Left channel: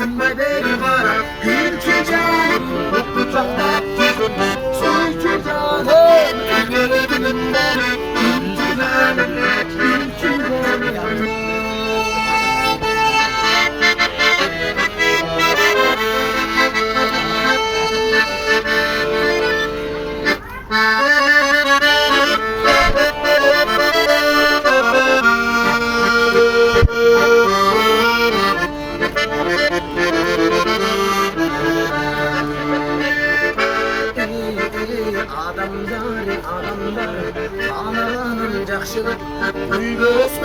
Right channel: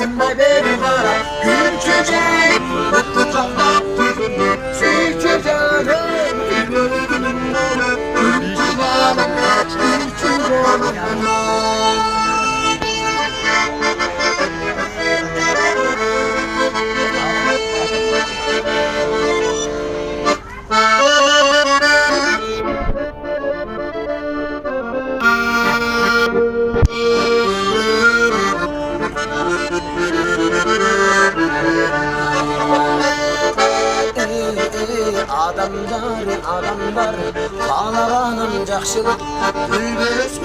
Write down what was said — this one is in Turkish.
Tınbay beri kara Gülçü canım Mutlu çakta Sürçü canım Gülçü canım Gülçü canım Adamlar, adamlar, bağlanan jakşılık, gül göz